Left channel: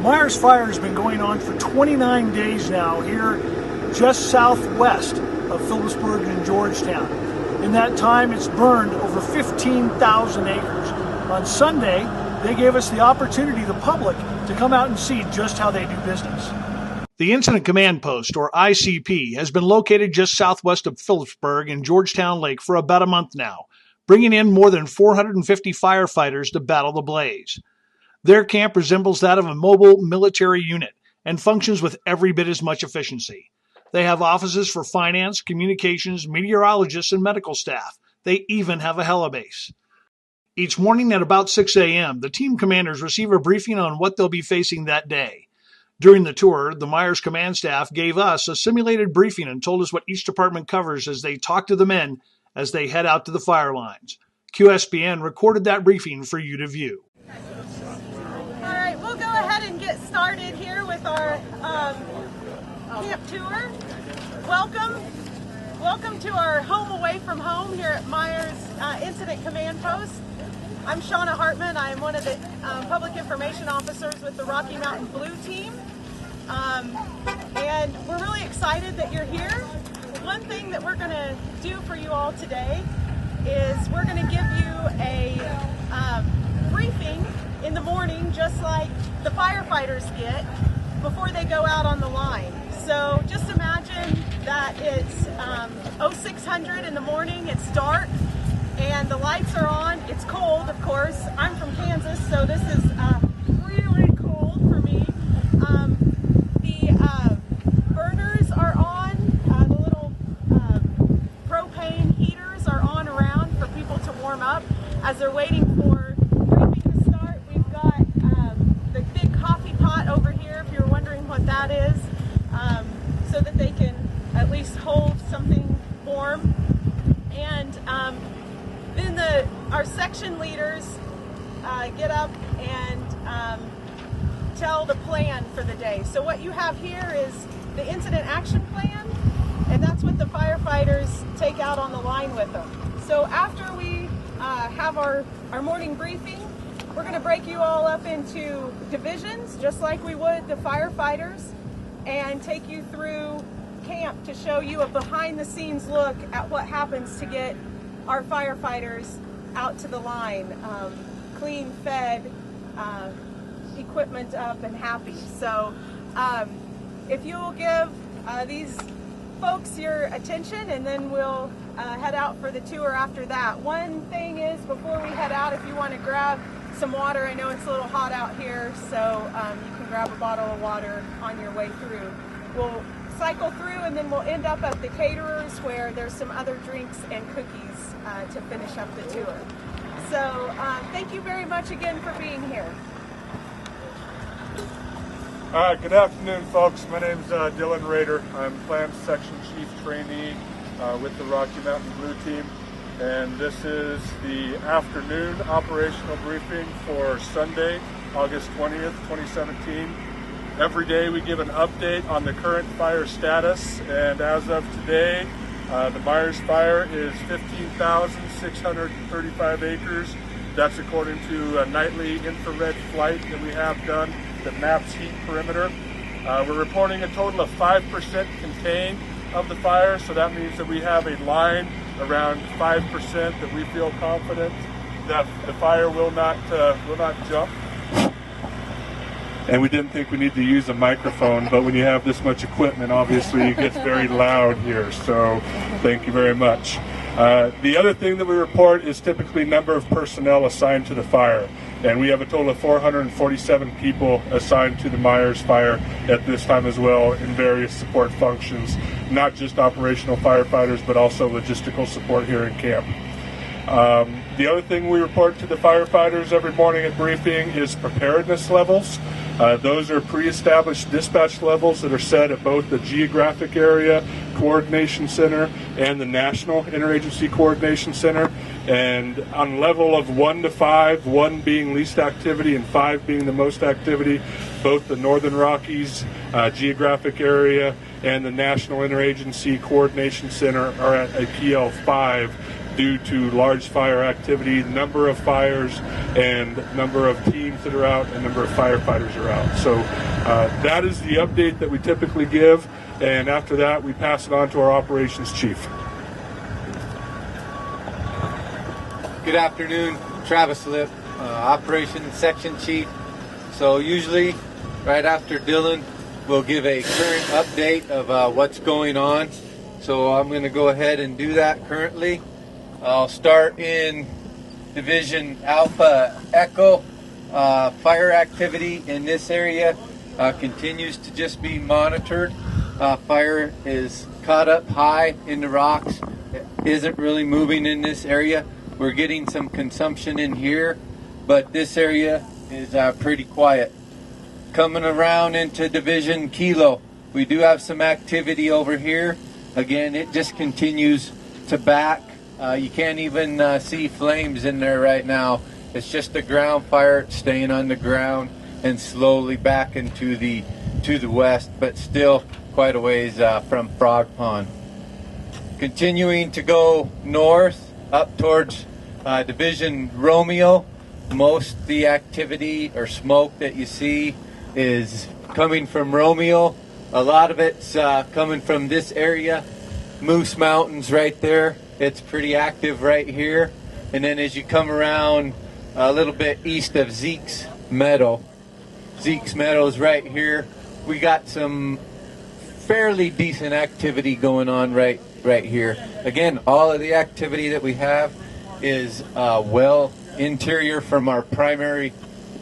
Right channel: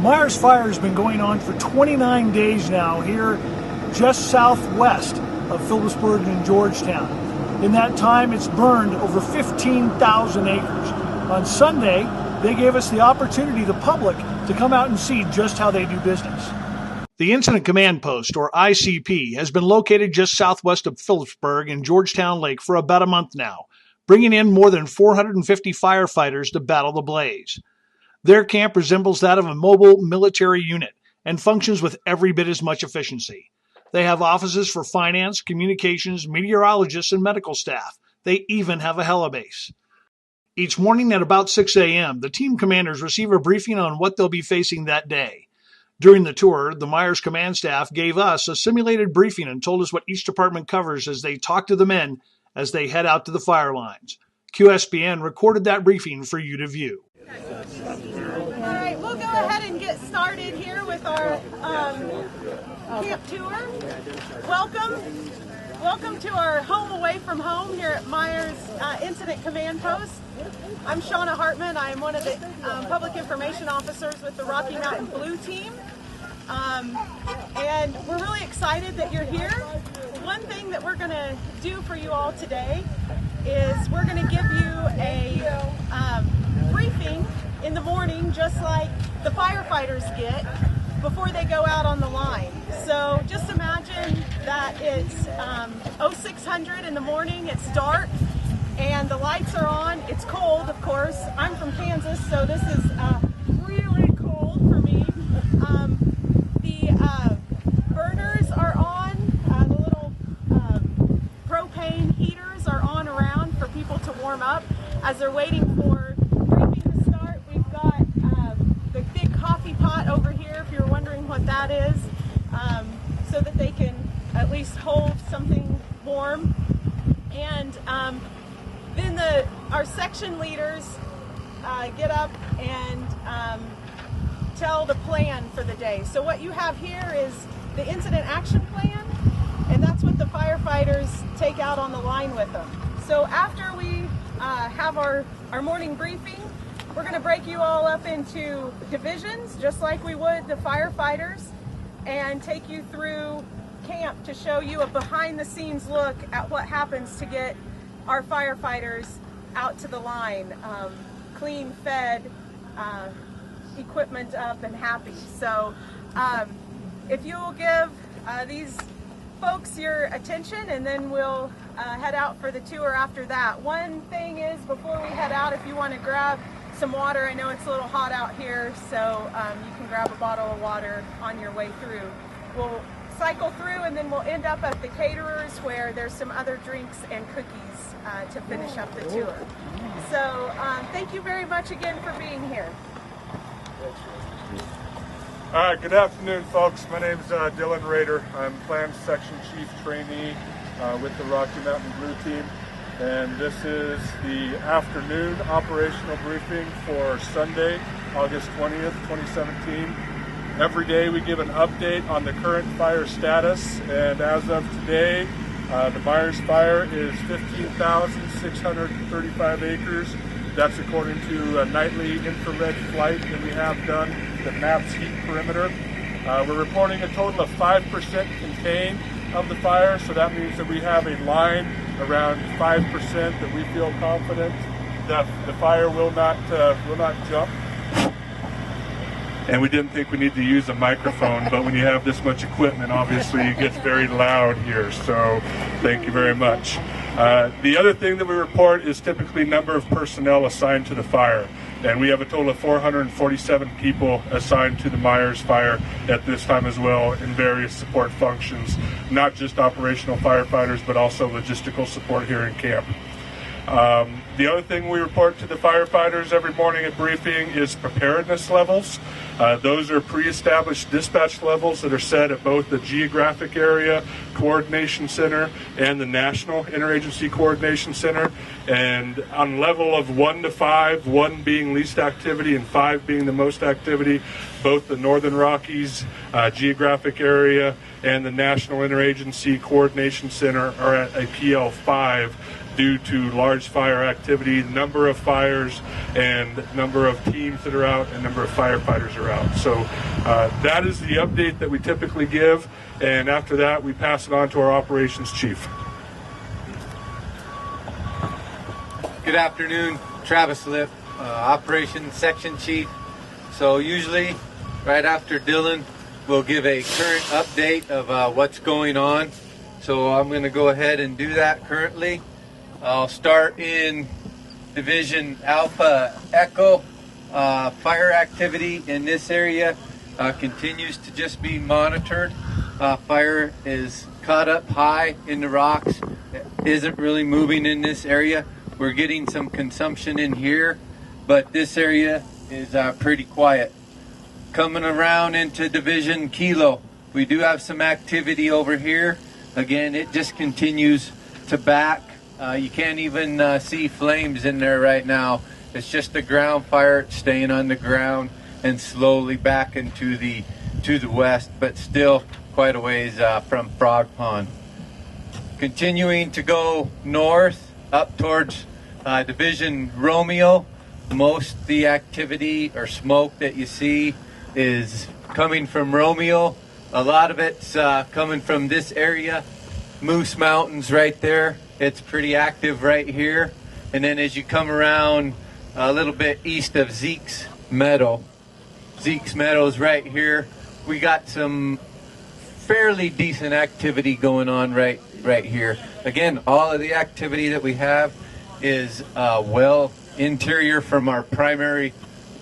The Meyers Fire has been going on for 29 days now here just southwest of Phillipsburg and Georgetown. In that time, it's burned over 15,000 acres. On Sunday, they gave us the opportunity, the public, to come out and see just how they do business. The Incident Command Post, or ICP, has been located just southwest of Phillipsburg and Georgetown Lake for about a month now, bringing in more than 450 firefighters to battle the blaze. Their camp resembles that of a mobile military unit and functions with every bit as much efficiency. They have offices for finance, communications, meteorologists, and medical staff. They even have a helibase. Each morning at about 6 a.m., the team commanders receive a briefing on what they'll be facing that day. During the tour, the Meyers command staff gave us a simulated briefing and told us what each department covers as they talk to the men as they head out to the fire lines. QSPN recorded that briefing for you to view. All right, we'll go ahead and get started here with our camp tour. Welcome to our home away from home here at Meyers Incident Command Post. I'm Shauna Hartman. I am one of the public information officers with the Rocky Mountain Blue Team. And we're really excited that you're here. One thing that we're going to do for you all today is we're going to give you a briefing in the morning, just like the firefighters get before they go out on the line. So just imagine that it's 0600 in the morning, it's dark, and the lights are on. It's cold, of course. I'm from Kansas, so this is really cold for me. The burners are on. The little propane heaters are on around for people to warm up as they're waiting for briefing to start. We've got the big coffee pot over here, if you're wondering what that is, so that they can at least hold something warm. And then our section leaders get up and tell the plan for the day. So what you have here is the incident action plan, and that's what the firefighters take out on the line with them. So after we have our morning briefing, we're going to break you all up into divisions, just like we would the firefighters, and take you through camp to show you a behind-the-scenes look at what happens to get our firefighters out to the line, clean, fed, equipment up, and happy. So if you'll give these folks your attention, and then we'll head out for the tour after that. One thing is, before we head out, if you want to grab some water, I know it's a little hot out here, so you can grab a bottle of water on your way through. We'll cycle through, and then we'll end up at the caterers where there's some other drinks and cookies to finish up the tour. So thank you very much again for being here. All right, good afternoon, folks. My name is Dylan Rader. I'm Plan Section Chief Trainee with the Rocky Mountain Blue Team, and this is the afternoon operational briefing for Sunday, August 20th, 2017. Every day we give an update on the current fire status, and as of today, the Meyers Fire is 15,635 acres. That's according to a nightly infrared flight that we have done that maps heat perimeter. We're reporting a total of 5% contained of the fire, so that means that we have a line around 5% that we feel confident that the fire will not jump. And we didn't think we need to use a microphone, but when you have this much equipment, obviously it gets very loud here, so thank you very much. The other thing that we report is typically number of personnel assigned to the fire. And we have a total of 447 people assigned to the Meyers Fire at this time as well in various support functions, not just operational firefighters, but also logistical support here in camp. The other thing we report to the firefighters every morning at briefing is preparedness levels. Those are pre-established dispatch levels that are set at both the Geographic Area Coordination Center and the National Interagency Coordination Center. And on a level of 1 to 5, 1 being least activity and 5 being the most activity, both the Northern Rockies Geographic Area and the National Interagency Coordination Center are at a PL5 due to large fire activity, number of fires, and number of teams that are out, and number of firefighters are out. So that is the update that we typically give, and after that we pass it on to our operations chief. Good afternoon, Travis Lip, Operations Section Chief. So usually right after Dylan, we'll give a current update of what's going on. So I'm going to go ahead and do that currently. I'll start in Division Alpha Echo. Fire activity in this area continues to just be monitored. Fire is caught up high in the rocks. It isn't really moving in this area. We're getting some consumption in here, but this area is pretty quiet. Coming around into Division Kilo, we do have some activity over here. Again, it just continues to back. You can't even see flames in there right now. It's just a ground fire staying on the ground and slowly backing to the west, but still quite a ways from Frog Pond. Continuing to go north up towards Division Romeo, most of the activity or smoke that you see is coming from Romeo. A lot of it's coming from this area. Moose Mountains right there. It's pretty active right here. And then as you come around a little bit east of Zeke's Meadow is right here. We got some fairly decent activity going on right here. Again, all of the activity that we have is well interior from our primary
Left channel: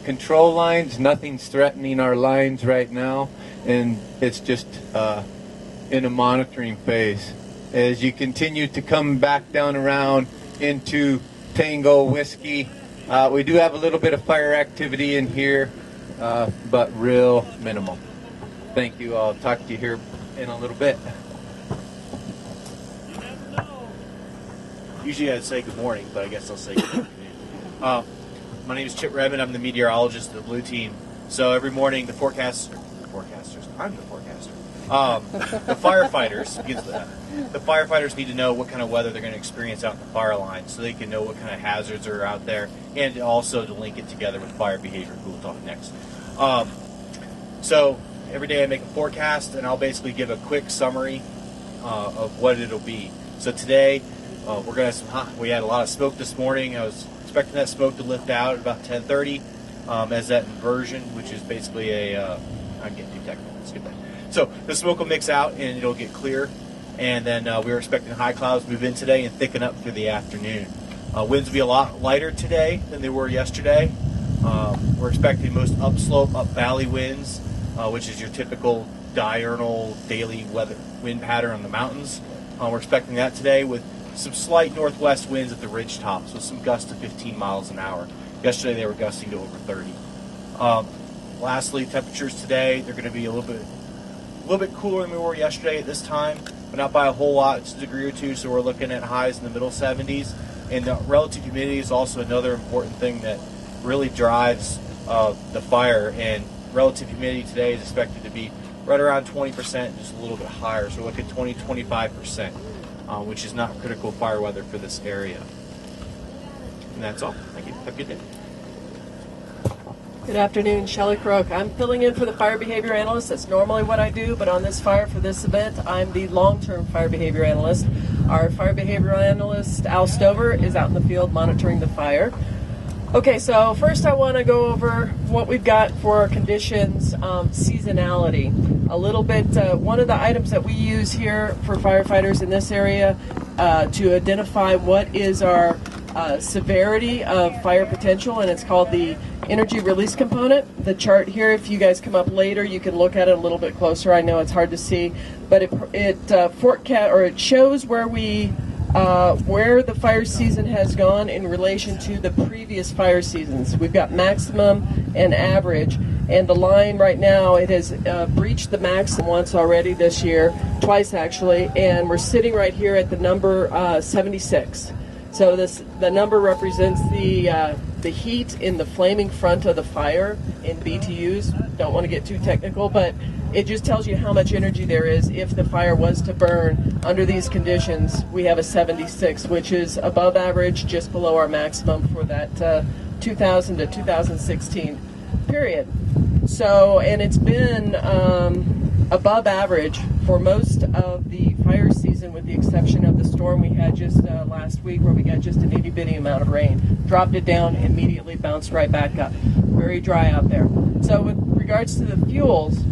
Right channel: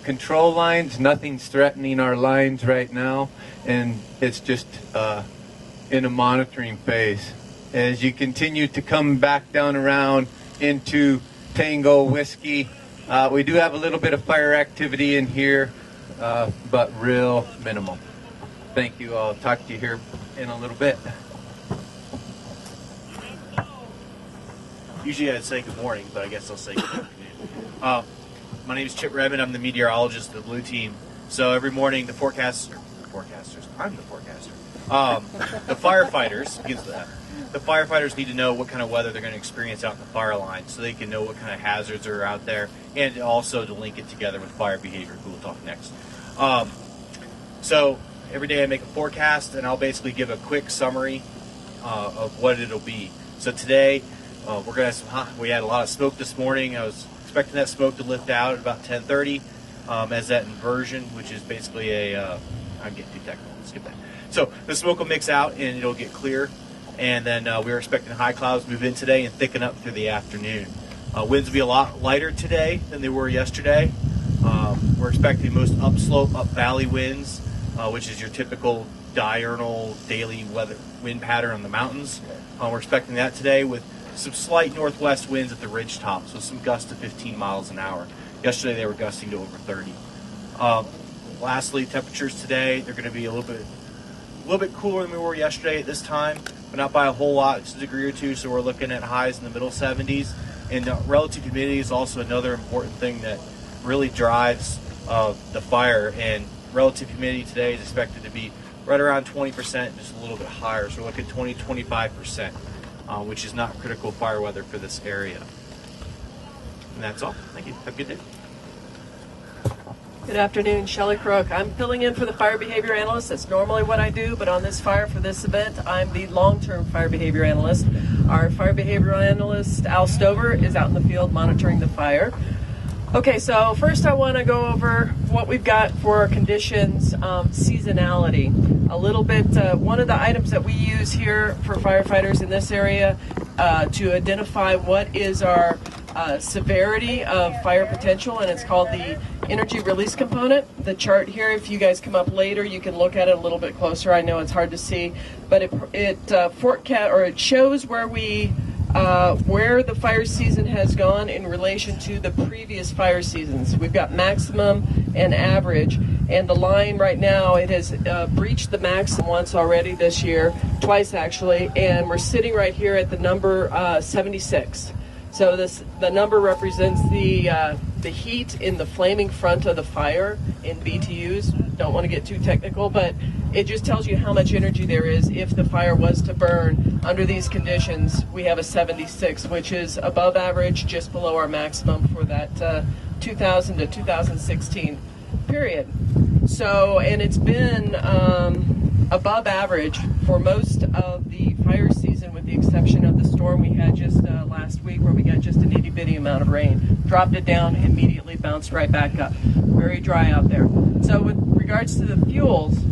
control lines. Nothing's threatening our lines right now, and it's just in a monitoring phase. As you continue to come back down around into Tango Whiskey, we do have a little bit of fire activity in here, but real minimal. Thank you. I'll talk to you here in a little bit. Usually I'd say good morning, but I guess I'll say good afternoon. My name is Chip Redmond. I'm the meteorologist of the Blue Team. So every morning the forecasters, I'm the forecaster. The firefighters need to know what kind of weather they're going to experience out in the fire line, so they can know what kind of hazards are out there, and also to link it together with fire behavior, who we'll talk next. So every day I make a forecast, and I'll basically give a quick summary of what it'll be. So today we're going to have some we had a lot of smoke this morning. I was expecting that smoke to lift out at about 10:30 as that inversion, which is basically I'm getting too technical. Let's get that. So the smoke will mix out and it'll get clear, and then we're expecting high clouds to move in today and thicken up through the afternoon. Winds will be a lot lighter today than they were yesterday. We're expecting most upslope, up valley winds, which is your typical diurnal daily weather wind pattern on the mountains. We're expecting that today with some slight northwest winds at the ridge tops with some gusts to 15 miles an hour. Yesterday they were gusting to over 30. Lastly, temperatures today, they're going to be a little bit cooler than they were yesterday at this time, but not by a whole lot. It's a degree or two, so we're looking at highs in the middle 70s. And relative humidity is also another important thing that really drives the fire. And relative humidity today is expected to be right around 20%, just a little bit higher. So we're looking at 20-25%, which is not critical fire weather for this area. And that's all. Thank you. Have a good day. Good afternoon, Shelley Crook. I'm filling in for the fire behavior analyst. That's normally what I do, but on this fire for this event, I'm the long-term fire behavior analyst. Our fire behavior analyst, Al Stover, is out in the field monitoring the fire. Okay, so first I want to go over what we've got for our conditions, seasonality. A little bit, one of the items that we use here for firefighters in this area to identify what is our severity of fire potential, and it's called the energy release component. The chart here, if you guys come up later, you can look at it a little bit closer. I know it's hard to see, but it shows where the fire season has gone in relation to the previous fire seasons. We've got maximum and average, and the line right now, it has breached the maximum once already this year, twice actually, and we're sitting right here at the number 76. So the number represents the heat in the flaming front of the fire in BTUs. Don't want to get too technical, but it just tells you how much energy there is. If the fire was to burn under these conditions, we have a 76, which is above average, just below our maximum for that 2000 to 2016 period. So, and it's been above average for most of the fire season, with the exception of the storm we had just last week, where we got just an itty bitty amount of rain. Dropped it down, immediately bounced right back up. Very dry out there. So with regards to the fuels,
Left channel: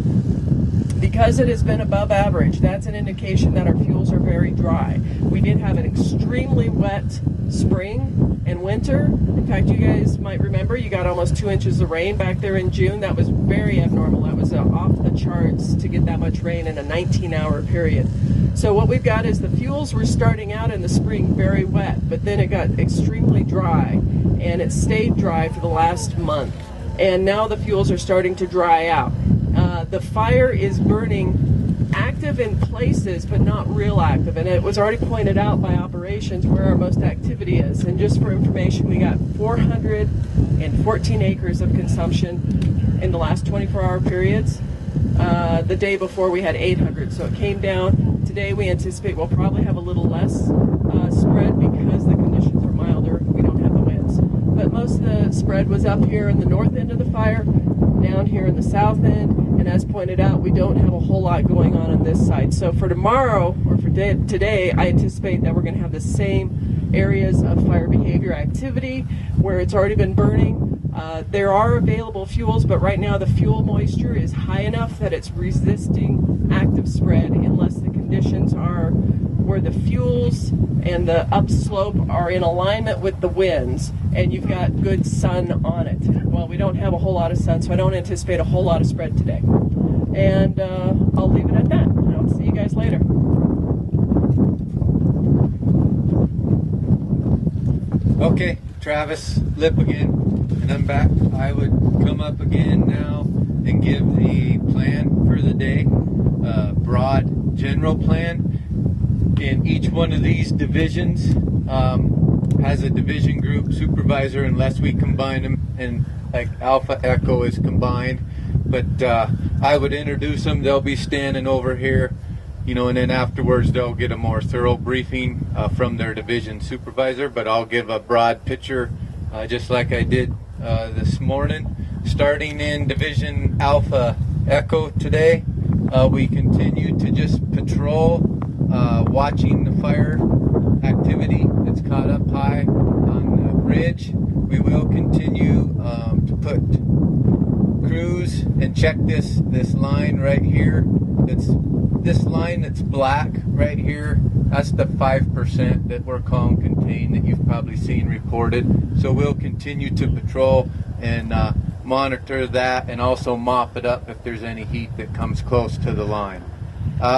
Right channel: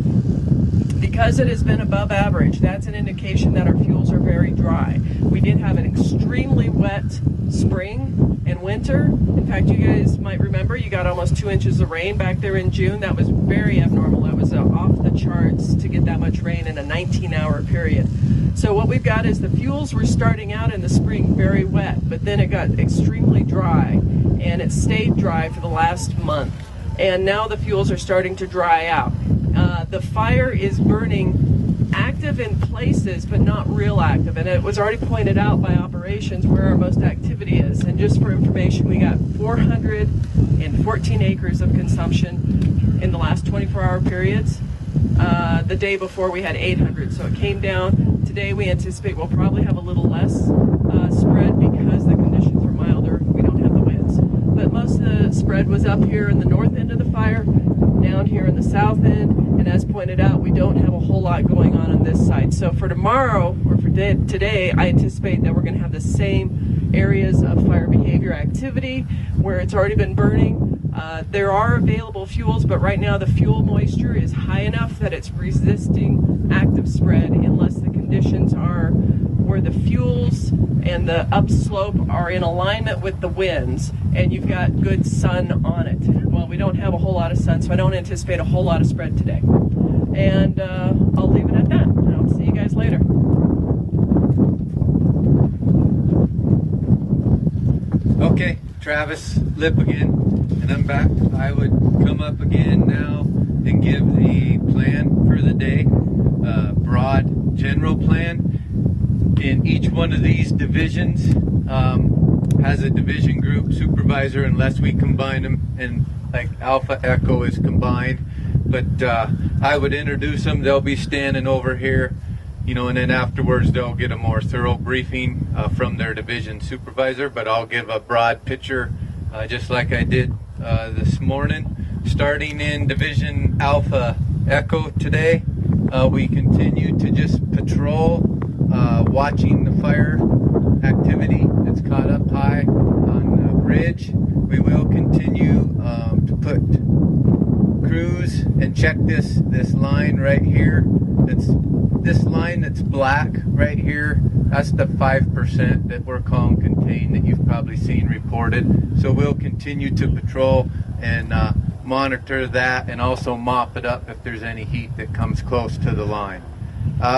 because it has been above average, that's an indication that our fuels are very dry. We did have an extremely wet spring and winter. In fact, you guys might remember you got almost 2 inches of rain back there in June. That was very abnormal. That was off the charts to get that much rain in a 19-hour period. So what we've got is the fuels were starting out in the spring very wet, but then it got extremely dry, and it stayed dry for the last month. And now the fuels are starting to dry out. The fire is burning active in places, but not real active. And it was already pointed out by operations where our most activity is. And just for information, we got 414 acres of consumption in the last 24-hour periods. The day before we had 800. So it came down. Today we anticipate we'll probably have a little less spread because the conditions are milder. We don't have the winds. But most of the spread was up here in the north end of the fire, down here in the south end, and as pointed out, we don't have a whole lot going on this side. So for tomorrow, or for today, I anticipate that we're going to have the same areas of fire behavior activity where it's already been burning. There are available fuels, but right now the fuel moisture is high enough that it's resisting active spread unless the conditions are where the fuels and the upslope are in alignment with the winds and you've got good sun on it. Well, we don't have a whole lot of sun, so I don't anticipate a whole lot of spread today. And I'll leave it at that, and I'll see you guys later. Okay, Travis, Lip again, and I'm back. I would come up again now and give the plan for the day, broad general plan. In each one of these divisions has a division group supervisor, unless we combine them, and like Alpha Echo is combined. But I would introduce them. They'll be standing over here, you know, and then afterwards they'll get a more thorough briefing from their division supervisor. But I'll give a broad picture, just like I did this morning. Starting in Division Alpha Echo today, we continue to just patrol, watching the fire activity that's caught up high on the ridge. We will continue to put crews and check this line right here. This line that's black right here. That's the 5% that we're calling contained that you've probably seen reported. So we'll continue to patrol and monitor that, and also mop it up if there's any heat that comes close to the line.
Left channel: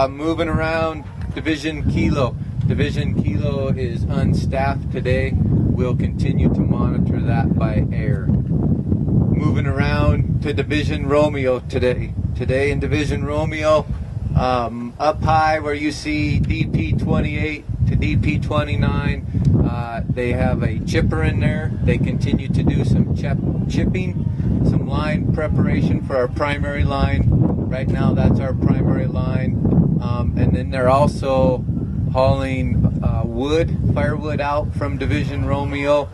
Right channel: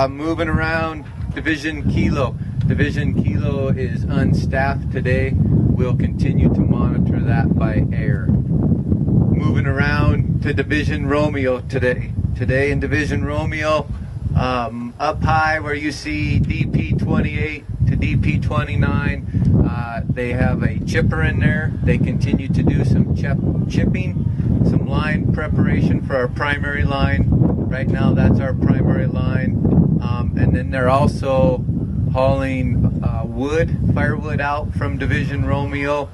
Moving around, Division Kilo. Division Kilo is unstaffed today. We'll continue to monitor that by air. Moving around to Division Romeo today. Today in Division Romeo, up high where you see DP28 to DP29, they have a chipper in there. They continue to do some chipping, some line preparation for our primary line. Right now that's our primary line. And then they're also hauling firewood out from Division Romeo,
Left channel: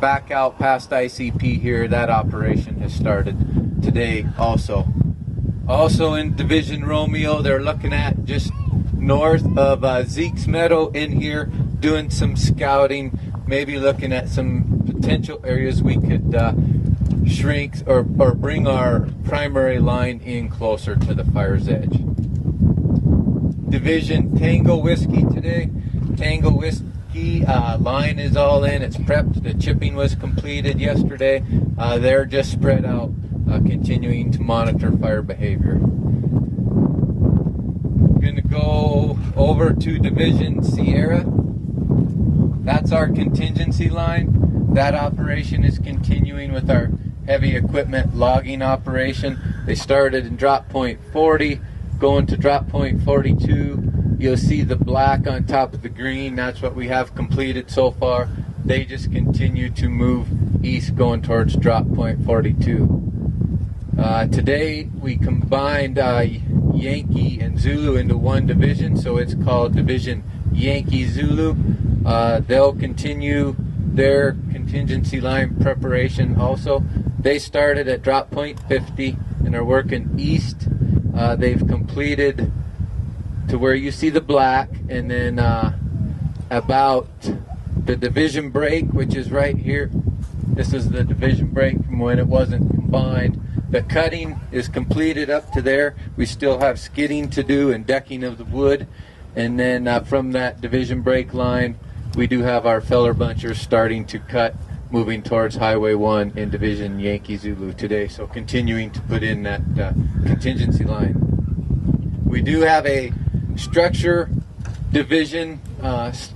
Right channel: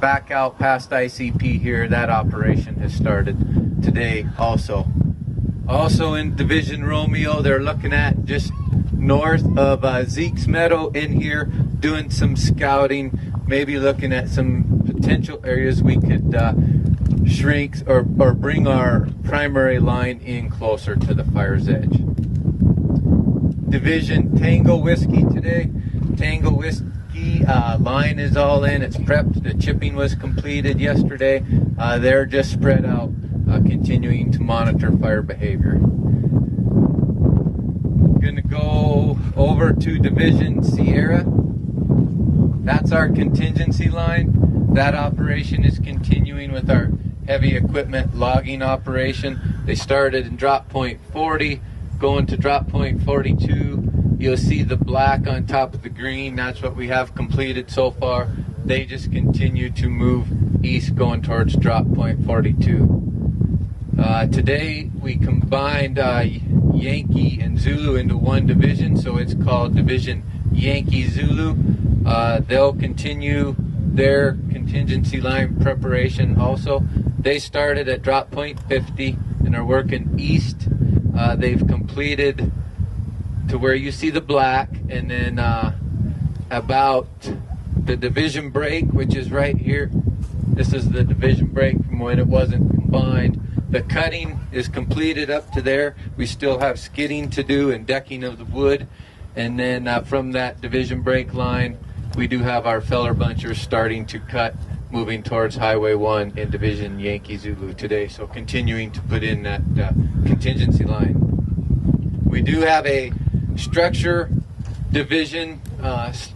back out past ICP here. That operation has started today also. Also in Division Romeo, they're looking at just north of Zeke's Meadow in here, doing some scouting, maybe looking at some potential areas we could shrink or bring our primary line in closer to the fire's edge. Division Tango Whiskey today. Tango Whiskey line is all in. It's prepped. The chipping was completed yesterday. They're just spread out, continuing to monitor fire behavior. We're going to go over to Division Sierra. That's our contingency line. That operation is continuing with our heavy equipment logging operation. They started in drop point 40. Going to drop point 42, you'll see the black on top of the green. That's what we have completed so far. They just continue to move east, going towards drop point 42. Today we combined Yankee and Zulu into one division, so it's called Division Yankee Zulu. They'll continue their contingency line preparation also. They started at drop point 50 and are working east. They've completed to where you see the black, and then about the division break, which is right here. This is the division break from when it wasn't combined. The cutting is completed up to there. We still have skidding to do and decking of the wood. And then from that division break line, we do have our feller bunchers starting to cut, moving towards Highway 1 in Division Yankee Zulu today. So continuing to put in that contingency line. We do have a structure division,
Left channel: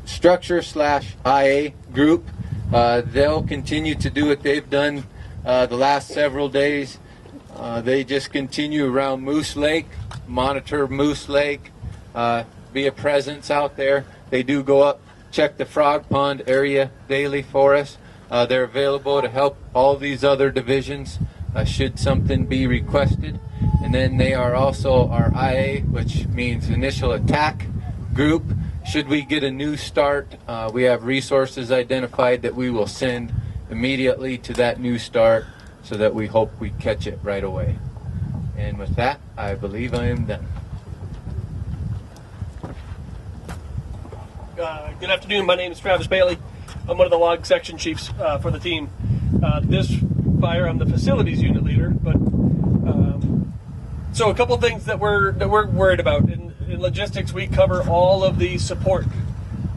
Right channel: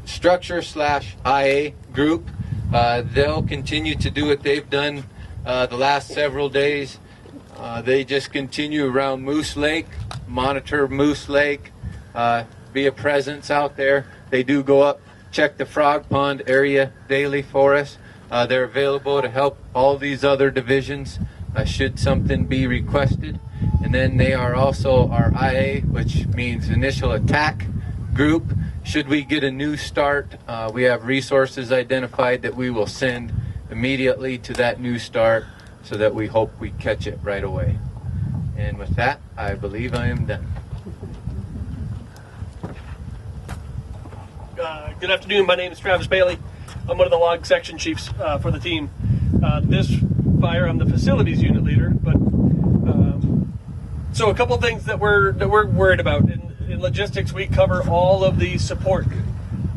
structure/IA group. They'll continue to do what they've done the last several days. They just continue around Moose Lake, monitor Moose Lake, be a presence out there. They do go up, check the Frog Pond area daily for us. They're available to help all these other divisions should something be requested. And then they are also our IA, which means Initial Attack Group. Should we get a new start, we have resources identified that we will send immediately to that new start, so that we hope we catch it right away. And with that, I believe I am done. Good afternoon. My name is Travis Bailey. I'm one of the log section chiefs for the team. This fire, I'm the facilities unit leader. But so a couple of things that we're worried about. In logistics, we cover all of the support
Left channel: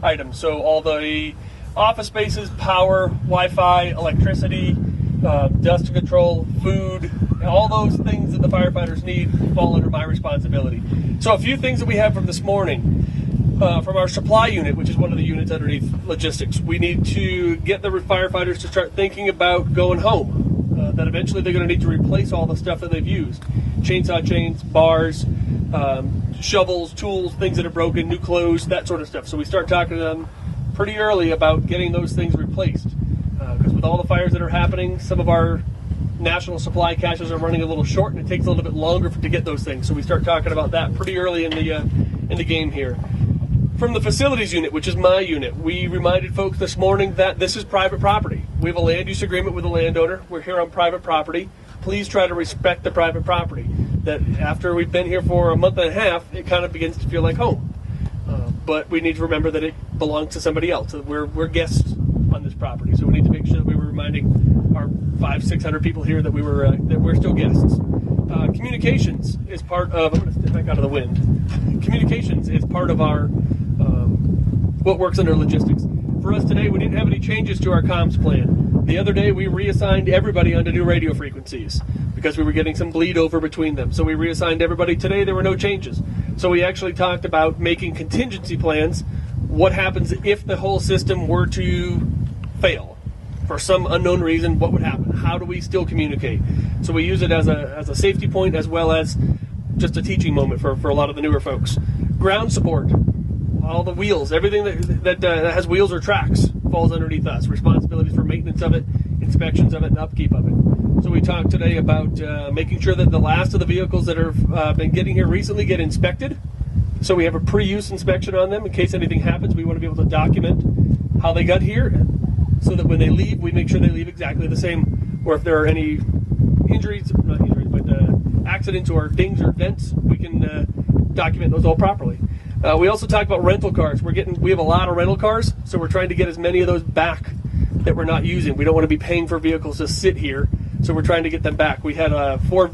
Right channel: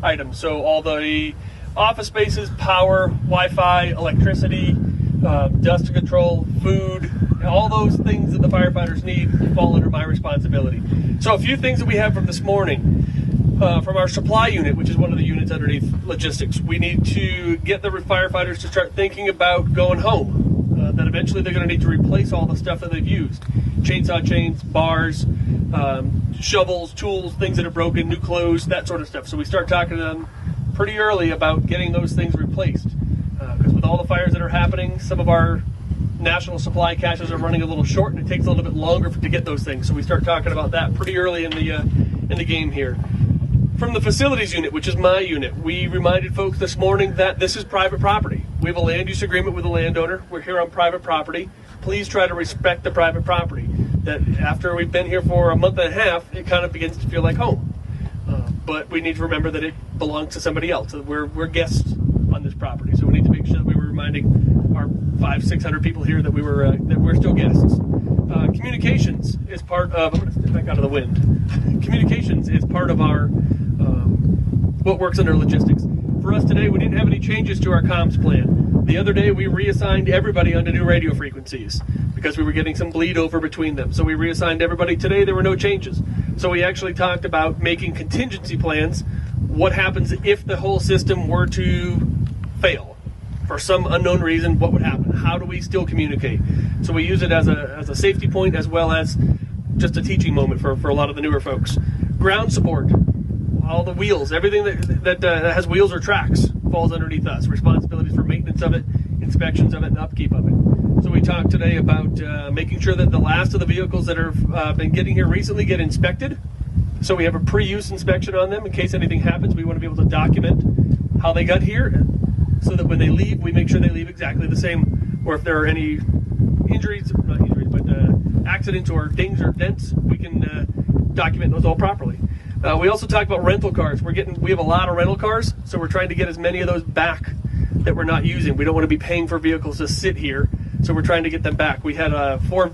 items. So all the office spaces, power, Wi-Fi, electricity, dust control, food, all those things that the firefighters need fall under my responsibility. So a few things that we have from this morning. From our supply unit, which is one of the units underneath logistics, we need to get the firefighters to start thinking about going home. That eventually they're going to need to replace all the stuff that they've used. Chainsaw chains, bars, shovels, tools, things that are broken, new clothes, that sort of stuff. So we start talking to them pretty early about getting those things replaced. Because with all the fires that are happening, some of our national supply caches are running a little short, and it takes a little bit longer to get those things. So we start talking about that pretty early in the game here. From the facilities unit, which is my unit, we reminded folks this morning that this is private property. We have a land use agreement with the landowner. We're here on private property. Please try to respect the private property. That after we've been here for a month and a half, it kind of begins to feel like home. But we need to remember that it belongs to somebody else. We're guests on this property, so we need to make sure that we were reminding our 500-600 people here that we're still guests. Communications is part of. I'm going to step back out of the wind. Communications is part of our what works under logistics. For us today, we didn't have any changes to our comms plan. The other day, we reassigned everybody onto new radio frequencies because we were getting some bleed over between them. So we reassigned everybody. Today, there were no changes. So we actually talked about making contingency plans. What happens if the whole system were to fail? For some unknown reason, what would happen? How do we still communicate? So we use it as a safety point as well as just a teaching moment for a lot of the newer folks. Ground support. All the wheels, everything that has wheels or tracks falls underneath us. Responsibilities for maintenance of it, inspections of it, and upkeep of it. So we talked today about making sure that the last of the vehicles that have been getting here recently get inspected. So we have a pre-use inspection on them in case anything happens. We want to be able to document how they got here so that when they leave, we make sure they leave exactly the same. Or if there are any accidents or dings or dents, we can document those all properly. We also talked about rental cars. We have a lot of rental cars, so we're trying to get as many of those back that we're not using. We don't want to be paying for vehicles to sit here, so we're trying to get them back. We had 4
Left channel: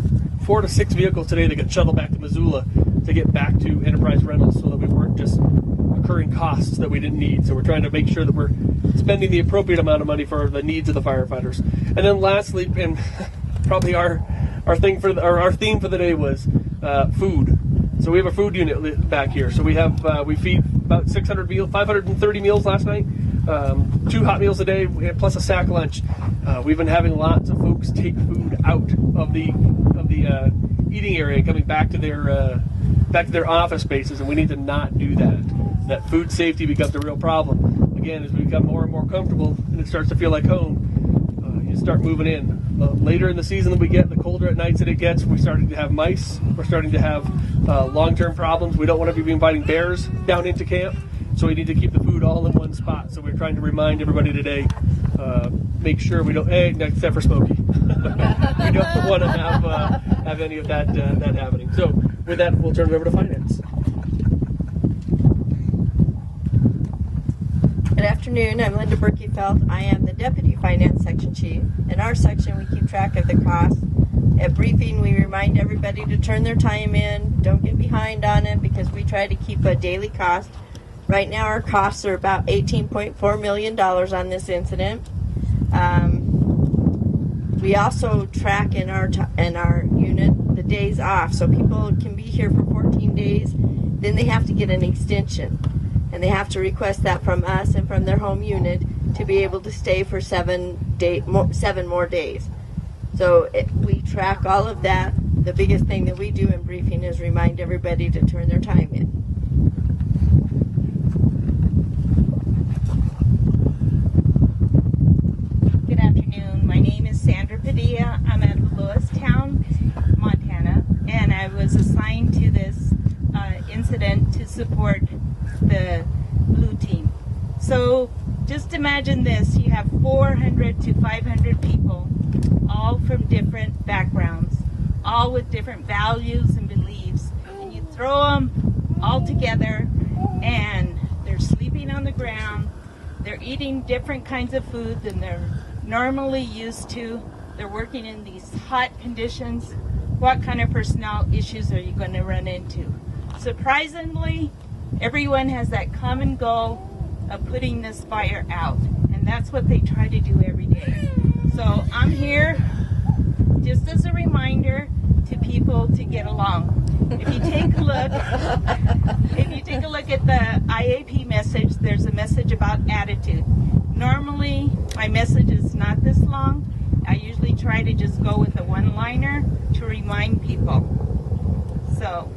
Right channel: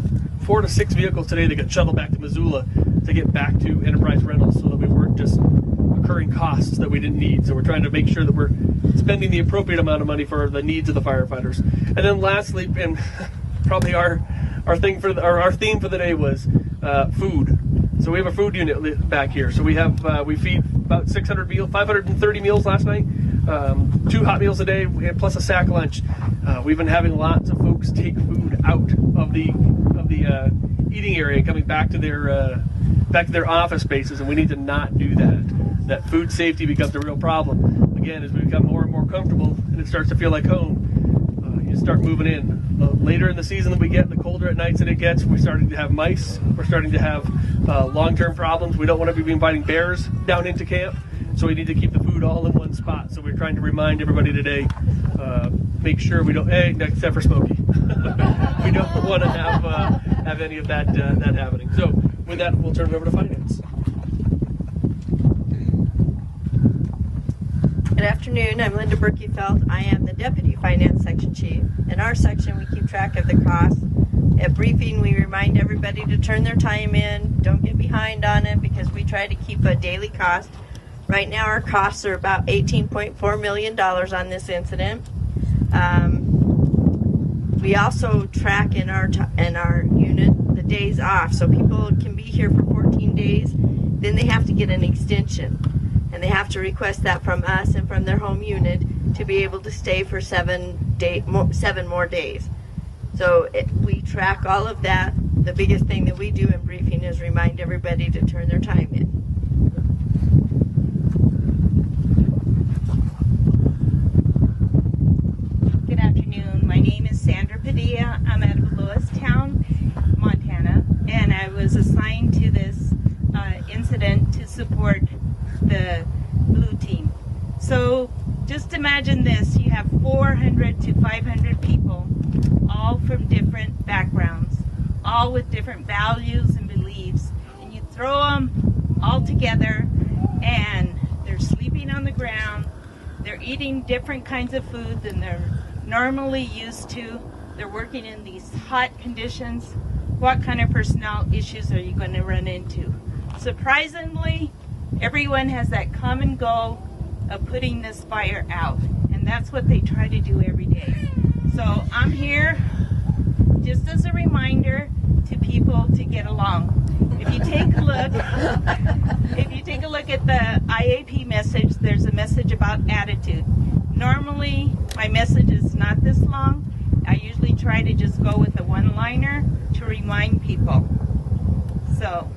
to 6 vehicles today that got shuttled back to Missoula to get back to Enterprise Rentals so that we weren't just incurring costs that we didn't need. So we're trying to make sure that we're spending the appropriate amount of money for the needs of the firefighters. And then lastly, and probably our theme for the day was food. So we have a food unit back here. So we feed about 600 meals, 530 meals last night, 2 hot meals a day, plus a sack lunch. We've been having lots of folks take food out of the eating area, coming back to their office spaces, and we need to not do that. That food safety becomes a real problem. Again, as we become more and more comfortable, and it starts to feel like home. you start moving in. Later in the season that we get, the colder at nights that it gets, we're starting to have mice. We're starting to have long-term problems. We don't want to be inviting bears down into camp, so we need to keep the food all in one spot. So we're trying to remind everybody today, make sure we don't, except for Smokey. We don't want to have any of that happening. So with that, we'll turn it over to finance. Good afternoon. I'm Linda Berkeyfeld. I am the Deputy Finance Section Chief. In our section, we keep track of the costs. At briefing, we remind everybody to turn their time in. Don't get behind on it because we try to keep a daily cost. Right now, our costs are about $18.4 million on this incident. We also track in our unit the days off, so people can be here for 14 days. Then they have to get an extension. And they have to request that from us and from their home unit to be able to stay for 7 more days. So we track all of that. The biggest thing that we do in briefing is remind everybody to turn their time in. Good afternoon. My name is Sandra Padilla. I'm at Lewistown, Montana, and I was assigned to this incident to support the blue team. So just imagine this, you have 400 to 500 people, all from different backgrounds, all with different values and beliefs, and you throw them all together and they're sleeping on the ground, they're eating different kinds of food than they're normally used to, they're working in these hot conditions. What kind of personnel issues are you going to run into? Surprisingly, everyone has that common goal of putting this fire out, and that's what they try to do every day. So I'm here just as a reminder to people to get along. If you take a look at the IAP message, there's a message about attitude. Normally, my message is not this long. I usually try to just go with a one-liner to remind people. So,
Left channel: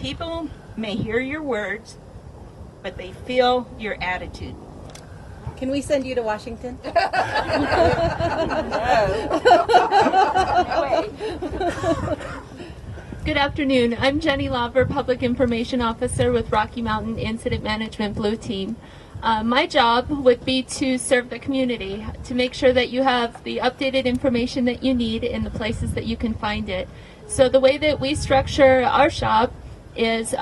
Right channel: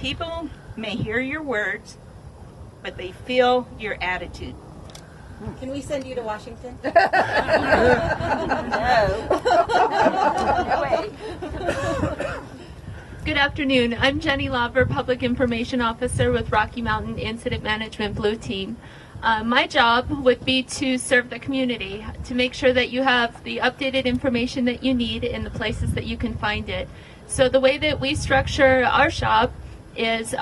people may hear your words, but they feel your attitude. Can we send you to Washington? Good afternoon. I'm Jenny Lauber, Public Information Officer with Rocky Mountain Incident Management Blue Team. My job would be to serve the community, to make sure that you have the updated information that you need in the places that you can find it. So the way that we structure our shop is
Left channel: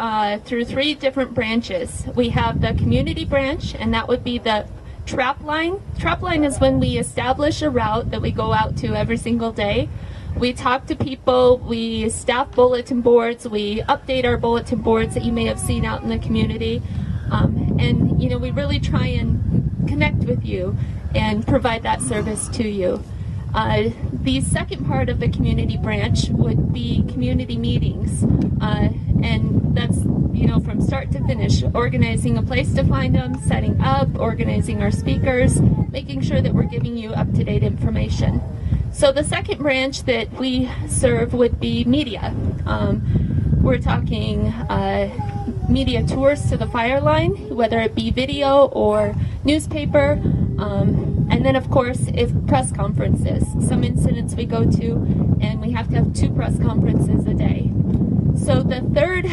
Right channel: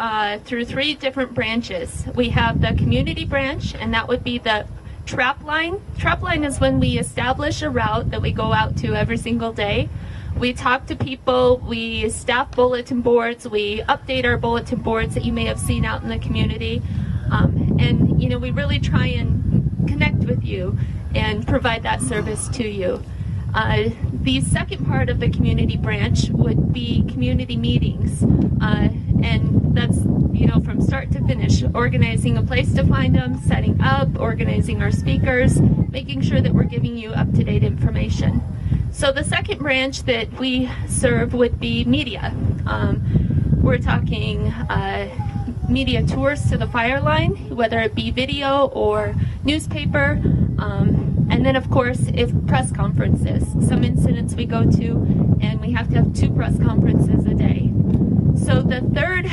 through 3 different branches. We have the community branch, and that would be the trap line. Trap line is when we establish a route that we go out to every single day. We talk to people, we staff bulletin boards, we update our bulletin boards that you may have seen out in the community. And, you know, we really try and connect with you and provide that service to you. The second part of the community branch would be community meetings, and that's, you know, from start to finish, organizing a place to find them, setting up, organizing our speakers, making sure that we're giving you up-to-date information. So the second branch that we serve would be media. We're talking media tours to the fire line, whether it be video or newspaper, and then of course if press conferences. Some incidents we go to and we have to have 2 press conferences a day. So the third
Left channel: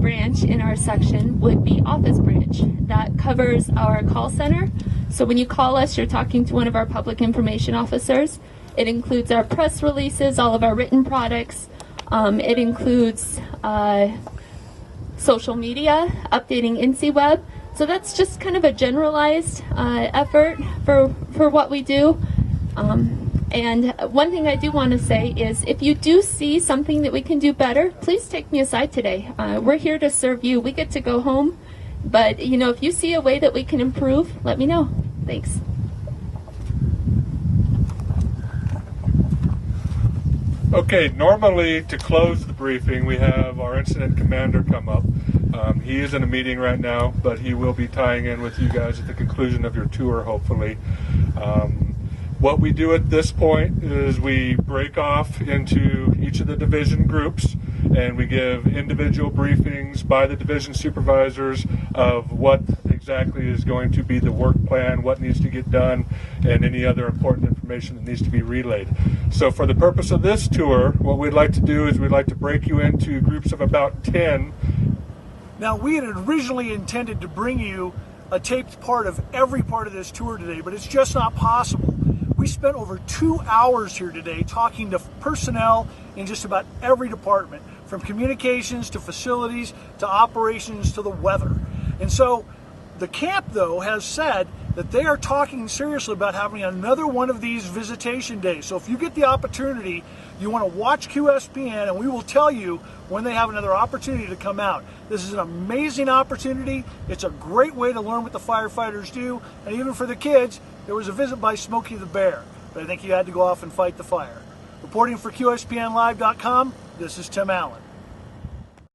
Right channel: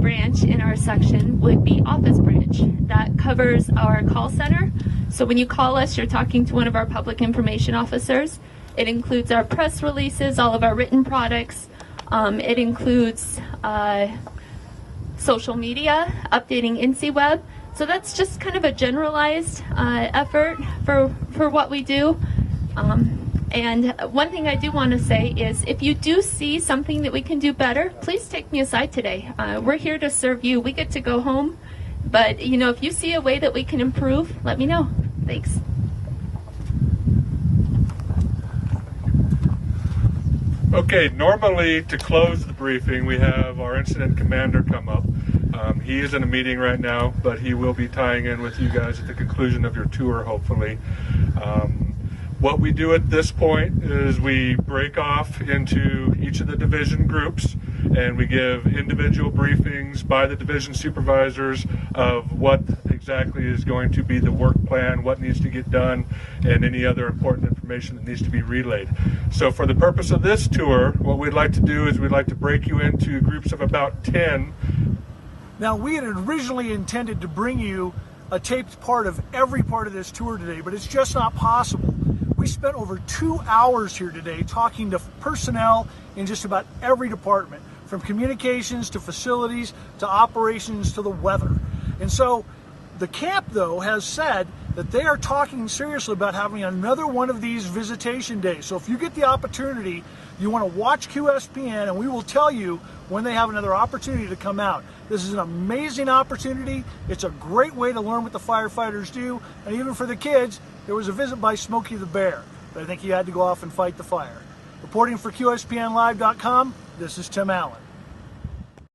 branch in our section would be office branch. That covers our call center. So when you call us, you're talking to one of our public information officers. It includes our press releases, all of our written products. It includes social media, updating INSEWeb. So that's just kind of a generalized effort for what we do. And one thing I do want to say is if you do see something that we can do better, please take me aside today. We're here to serve you. We get to go home. But, you know, if you see a way that we can improve, let me know. Thanks. Okay, normally to close the briefing, we have our incident commander come up. He is in a meeting right now, but he will be tying in with you guys at the conclusion of your tour, hopefully. What we do at this point is we break off into each of the division groups, and we give individual briefings by the division supervisors of what exactly is going to be the work plan, what needs to get done, and any other important information that needs to be relayed. So for the purpose of this tour, what we'd like to do is we'd like to break you into groups of about 10. Now, we had originally intended to bring you a taped part of every part of this tour today, but it's just not possible. We spent over 2 hours here today talking to personnel in just about every department, from communications to facilities to operations to the weather. And so the camp, though, has said that they are talking seriously about having another one of these visitation days. So if you get the opportunity, you want to watch QSPN, and we will tell you when they have another opportunity to come out. This is an amazing opportunity. It's a great way to learn what the firefighters do. And even for the kids, there was a visit by Smokey the Bear, but I think he had to go off and fight the fire. Reporting for QSPNlive.com, this is Tim Allen.